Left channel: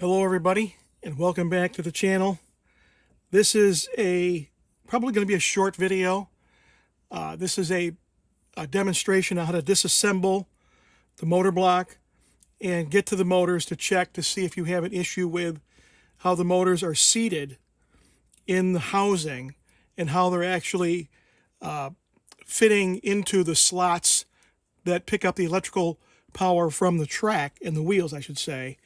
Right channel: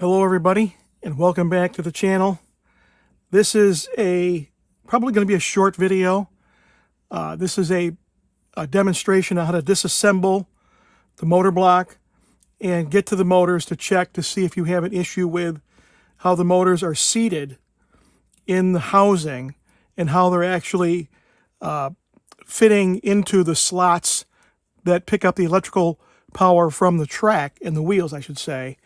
Hello everybody, and welcome back to the channel. This is probably going to be a short video. This is a demonstration on how to disassemble the motor block and get to the motors to check to see if you have an issue with how the motors are seated in the housing and how they're actually fitting into the slots that pick up the electrical power from the track and the wheels, I should say,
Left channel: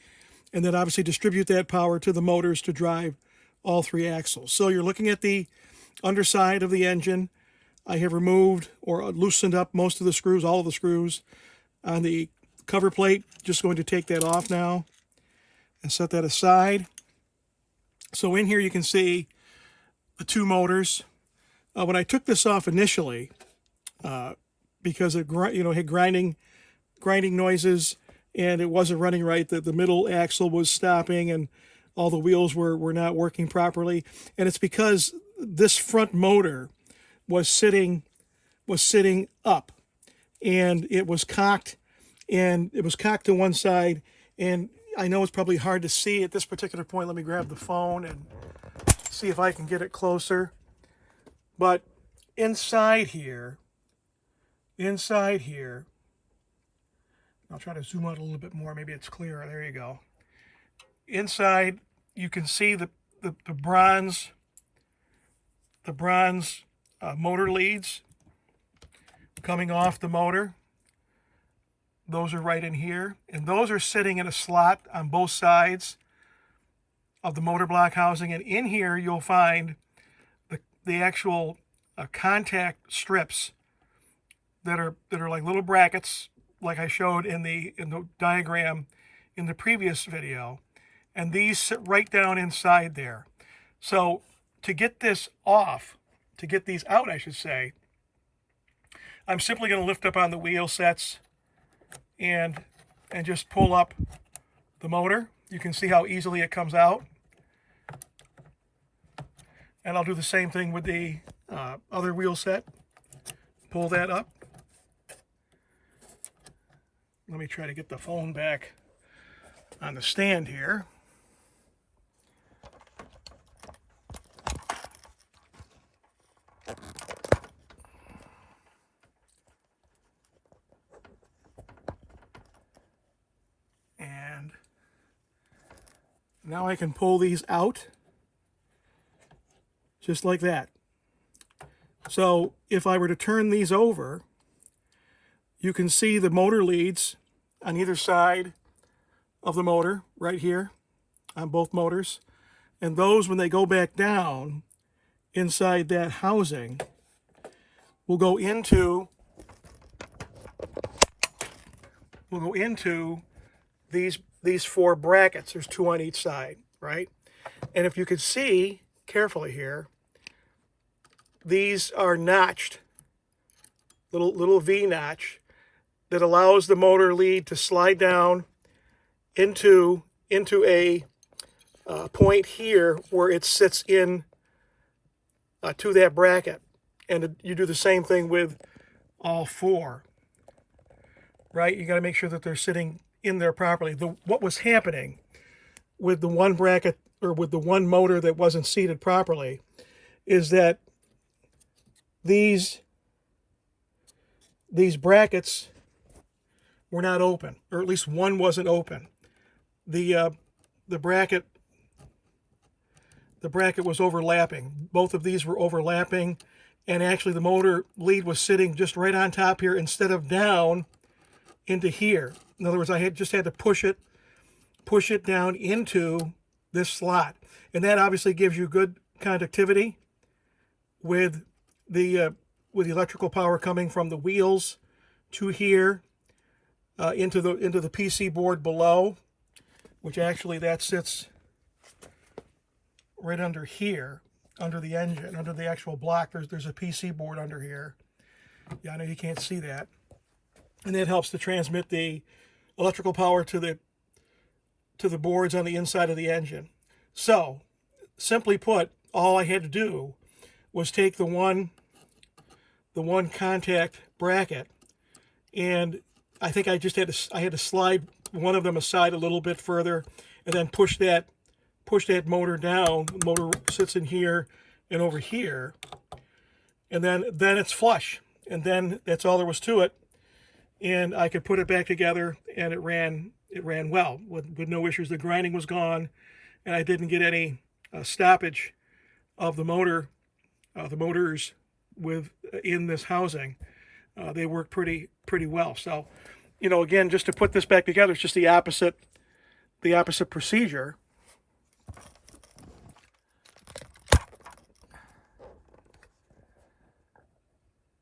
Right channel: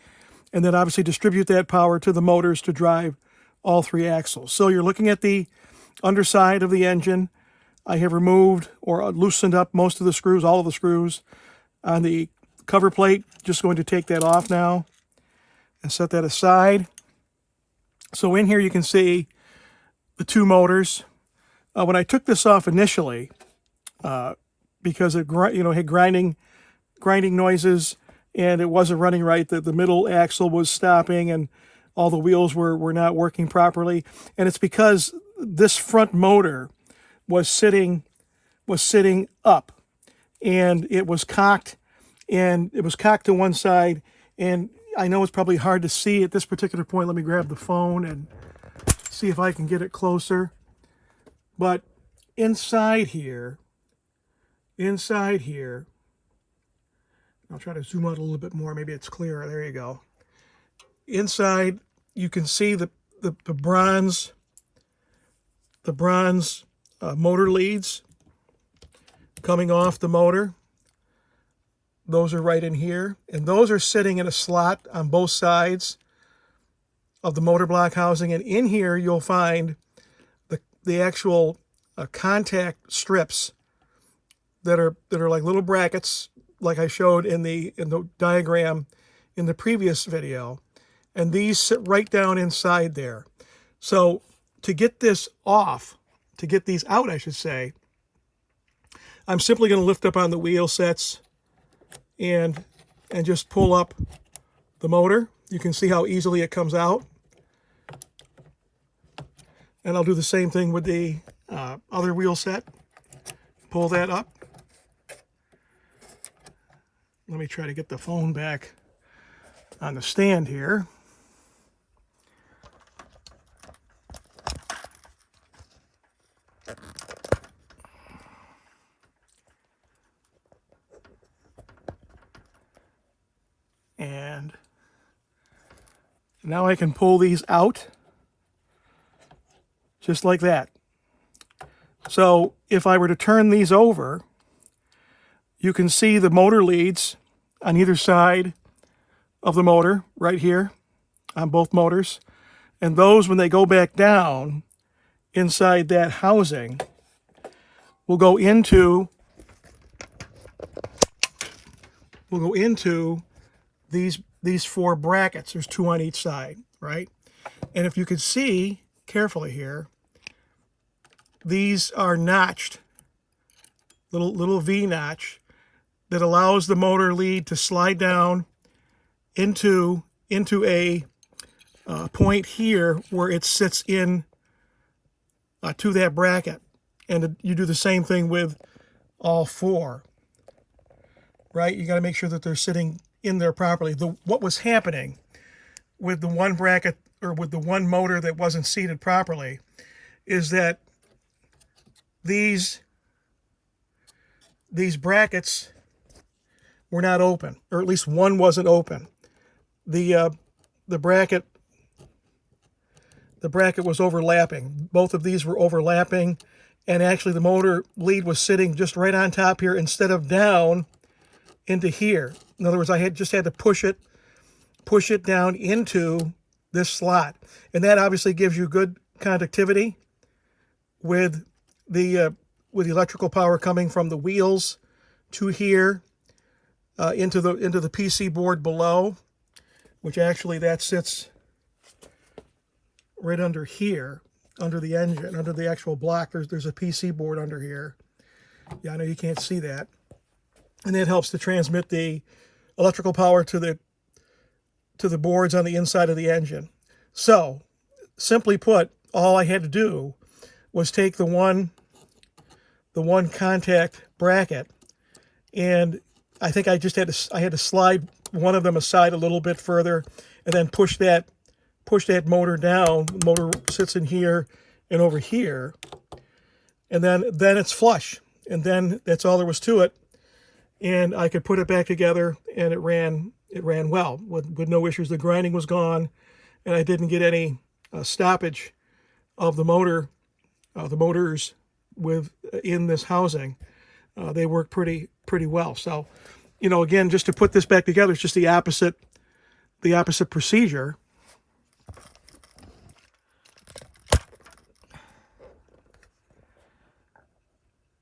and then obviously distribute that power to the motors to drive all three axles. So you're looking at the underside of the engine. I have removed or loosened up most of the screws, all of the screws on the cover plate. Just going to take that off now and set that aside. So in here you can see the two motors. When I took this off initially, because it had grinding noises, and it wasn't running right, the middle axle was stopping and all the wheels were not working properly. And it's because this front motor was sitting up, and it was cocked to one side. And I know it's probably hard to see at this particular point. Let me grab the phone and see if I can get it closer. But inside here, I'll try to zoom out a little bit more. Maybe it's clearer. There you go. Inside, you can see the bronze motor leads coming off the motor. Those are right in here, and those are sitting in a slot on both sides of the motor block housing. And in here, you'll find the actual contact strips that are like little brackets, like I showed in the diagram in the previous video, and these sit right down inside there. So to get this off, to get these out, I should say, I'm simply going to lift up on the wheel sets and just pull up the motor. You can see how easily it comes out. And I'll do the same thing with the other wheel set. Pull that up. Let me try to get the phone back on the stand here. And now I can pull these out just like that. So if I were to turn these over, you can see the motor leads on either side of the motor right here on both motors. And those, when they go back down inside that housing, will go into these four brackets. There's two on each side, right? And if you could see carefully here, these are notched, little V notch that allows the motor lead to slide down into a point here where it sits in to that bracket. And you do the same thing with all four, right? You got to make sure that they're sitting in there properly. What was happening with the one bracket, or with the one motor that wasn't seated properly, is that these brackets were not open, or at least one wasn't open. The bracket was overlapping. Both of these were overlapping, and actually the motor lead was sitting just right on top here instead of down into here. In other words, I just had to push it down into this slot, and that obviously gives you good conductivity with the electrical power coming from the wheels to here. Into the PC board below, which actually that sits right under here, under the engine, under the actual block. There's a PC board under here. Yeah, I know you can't see that. And that helps to transmit the electrical power to the boards on the inside of the engine. So, simply put, all I had to do was take the one contact bracket, and I think I had to slide one of them aside a little bit further, and then push that motor down. The motor sits in here and over here, and then it's flush, and then that's all there was to it. And I could put it back together, and it ran well with no issues. The grinding was gone, and I didn't get any stoppage of the motors in this housing. They work pretty well. So, you know, again, just to put this back together, it's just the opposite procedure.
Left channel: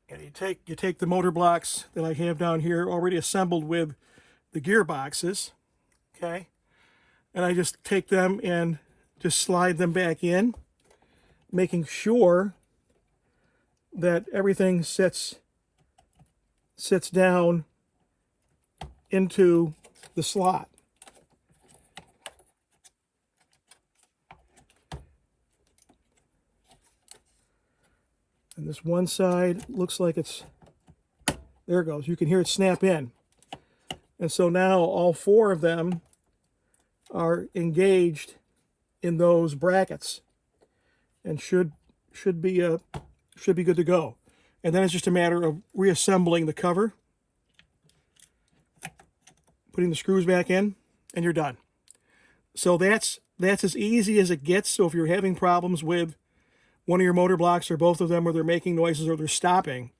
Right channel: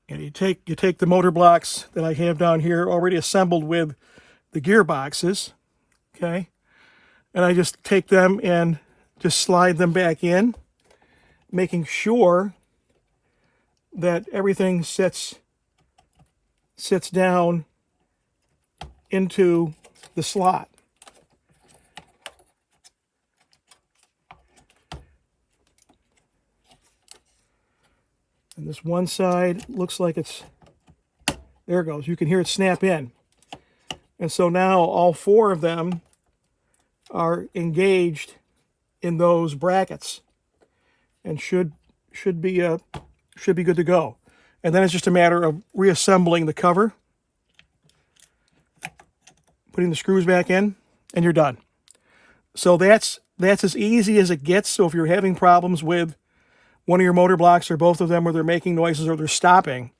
And you take the motor blocks that I have down here already assembled with the gearboxes, okay? And I just take them and just slide them back in, making sure that everything sits down into the slot. And this one side looks like it's, there it goes. You can hear it snap in. And so now all four of them are engaged in those brackets and should be good to go. And then it's just a matter of reassembling the cover, putting the screws back in, and you're done. So that's as easy as it gets. So if you're having problems with one of your motor blocks or both of them, where they're making noises or they're stopping,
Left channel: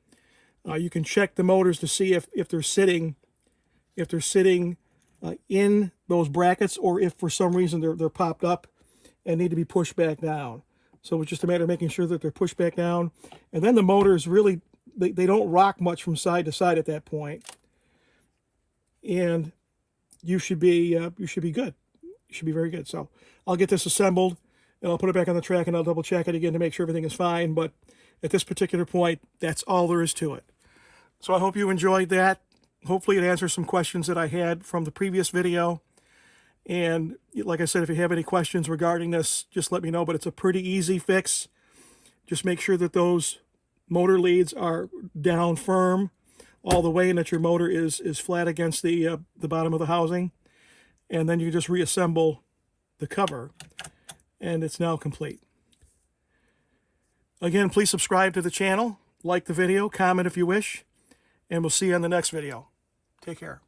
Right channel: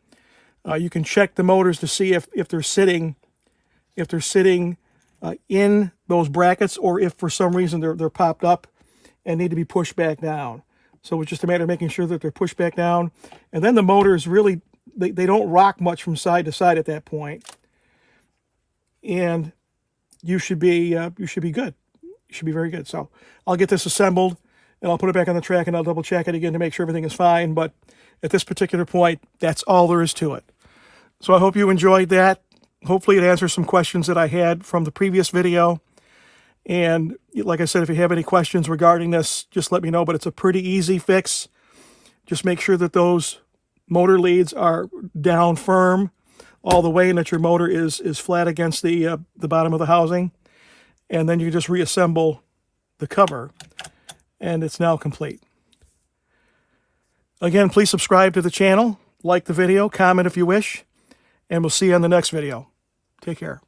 you can check the motors to see if they're sitting in those brackets, or if for some reason they're popped up and need to be pushed back down. So it's just a matter of making sure that they're pushed back down, and then the motors really they don't rock much from side to side at that point, and you should be good. You should be very good. So I'll get this assembled, and I'll put it back on the track, and I'll double check it again to make sure everything is fine. But at this particular point, that's all there is to it. So I hope you enjoyed that. Hopefully it answers some questions that I had from the previous video. And like I said, if you have any questions regarding this, just let me know. But it's a pretty easy fix. Just make sure that those motor leads are down firm all the way, and that your motor is flat against the bottom of the housing. And then you just reassemble the cover, and it's now complete. Again, please subscribe to the channel, like the video, comment if you wish, and we'll see you on the next video. Take care.